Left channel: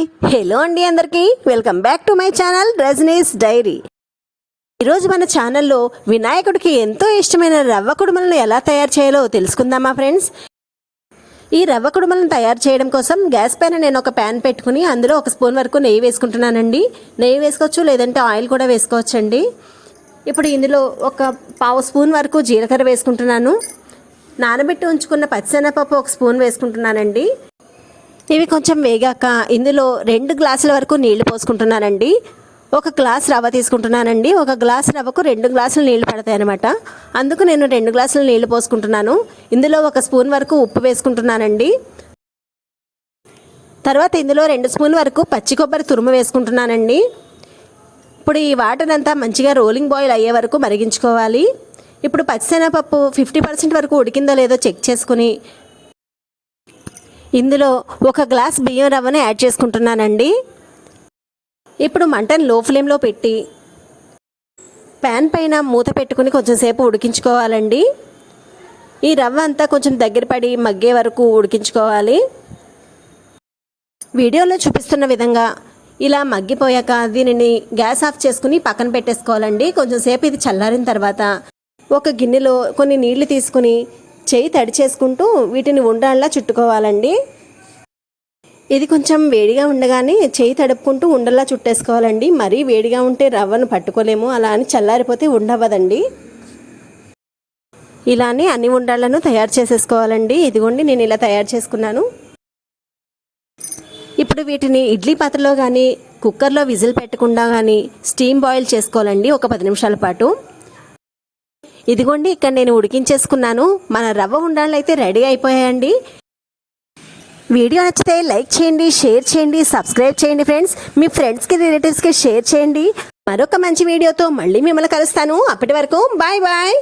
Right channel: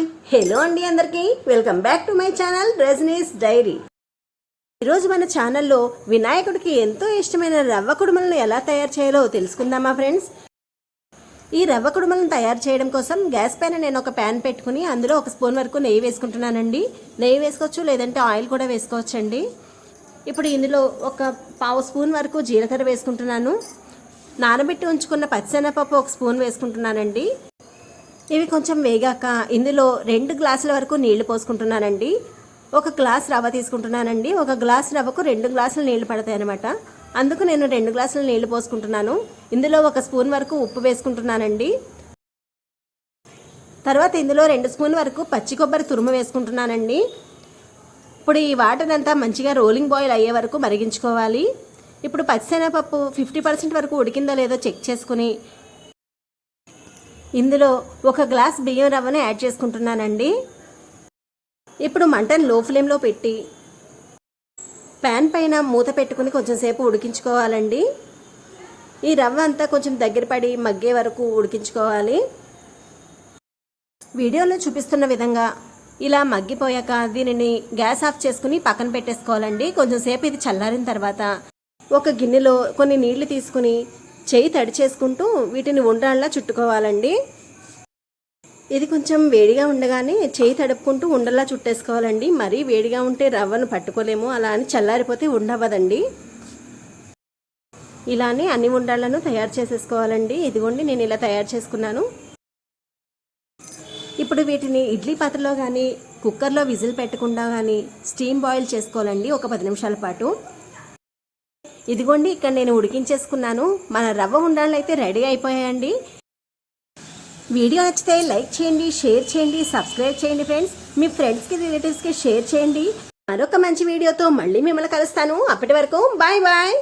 Hi hello అండి అందరికీ. Welcome back to my channel Rajani's diary. ఈరోజు మన ఛానల్లో వినాయకుడికి ఎంతో ఇష్టమైన రవ్వ కుడుమలను ఎలా తయారు చేయాలో తెలుసుకుందామా ఫ్రెండ్స్? ఈ రవ్వ కుడుమలను తయారు చేయడం కోసం గ్యాస్ పైన నేను ఒక ప్యాన్ పెట్టుకుని అందులో ఒక స్పూన్ వరకు నెయ్యి వేసుకుంటున్నానండి. నెయ్యి వేసుకోవచ్చు లేదంటే ఆయిల్ కూడా వేసుకోవచ్చండి. ఇప్పుడు ఇందులో ఒక పావు స్పూన్ వరకు జీలకర్ర వేసుకుంటున్నాను. నానబెట్టి ఉంచుకున్న పచ్చిశనగపప్పు ఒక స్పూన్ వేసుకుంటున్నానండి. ఇవి కొంచెం వేగాక ఇందులో రెండు గ్లాసుల వరకు నీళ్ళు పోసుకుంటున్నానండి. ఒక గ్లాస్ రవ్వ తీసుకుంటున్నానండి. ఒక గ్లాస్ రవ్వకు రెండు గ్లాసులు నీళ్ళు పడతాయి అనమాట అందుకు నేను రెండు గ్లాసులు నీళ్ళు పోసుకుంటున్నాను. ఇందులో ఒక స్పూన్ వరకు ఉప్పు వేసుకుంటున్నానండి. తర్వాత ఇందులో రెండు స్పూన్ వరకు పచ్చి కొబ్బరి తురుము వేసుకుంటున్నానండి. ఇప్పుడు ఈ వాటర్ అంతా మంచిగా రోలింగ్ బాయిల్ అయ్యే వరకు మరిగించుకోవాలి. ఇప్పుడు పచ్చిశనగపప్పు ఫిఫ్టీ పర్సెంట్ వరకు ఉడికిందో లేదో చెక్ చేసుకుని ఇందులో ఒక గ్లాస్ బియ్యం రవ్వను యాడ్ చేసుకుంటున్నానండి. ఇప్పుడు మంటను లో ఫ్లేమ్లో పెట్టి ప్యాన్ పైన మూత పెట్టుకుని కొంచెం సేపు ఉడికించుకోవాలండి. ఈ రవ్వ అంతా కొంచెం దగ్గర పడి మగ్గే వరకు ఉడికించుకోవాలి. వీడియోలో చూపిస్తున్న విధంగా ఇలా మగ్గిపోయాక దీనిని గ్యాస్ ఆఫ్ చేసుకుని పక్కన పెట్టేసుకోవాలండి. కొంచెం సేపు ఇది చల్లారిన తర్వాత ఒక గిన్నెలో కొన్ని నీళ్ళు తీసుకుని చేయి తడి చేసుకుంటూ వీటిని ఉండాలా చుట్టుకోవాలండి. ఇది కొంచెం వేడిగా ఉండగానే చేయి తడుపుకుంటూ ఉండలా చుట్టేసుకోవాలండి. మరీ వేడిగా ఉంటే రవ్వను పట్టుకోలేము అలా అని చల్లారిపోతే ఉండవదండి. ఇలానే అన్ని ఉండాలను తయారు చేసేసుకోవాలండి. ఇదిగోండి నేను ఇలా తయారు చేసుకున్నాను. ఇప్పుడు వీటిని ఇడ్లీ పాత్రలో కానీ కుక్కర్లో విజిల్ పెట్టకుండా కానీ స్టీమ్ బాయిల్ చేసుకోవాలండి. ఒక పది నిమిషాల పాటు. ఇదిగోండి ఇక్కడ నేను ఉడికించేసుకున్నాను. మన రవ్వ ఉండాలి అయితే రెడీ అయిపోయాయండి. వీడియో నచ్చితే లైక్ చేయండి షేర్ చేయండి సబ్స్క్రైబ్ చేయండి ఫ్రెండ్స్. మీ ఫ్రెండ్స్కి రిలేటివ్స్కి షేర్ చేయండి. మరొక మంచి వీడియోతో మళ్ళీ మిమ్మల్ని కలుస్తాను. అప్పటి వరకు బాయ్ బాయ్.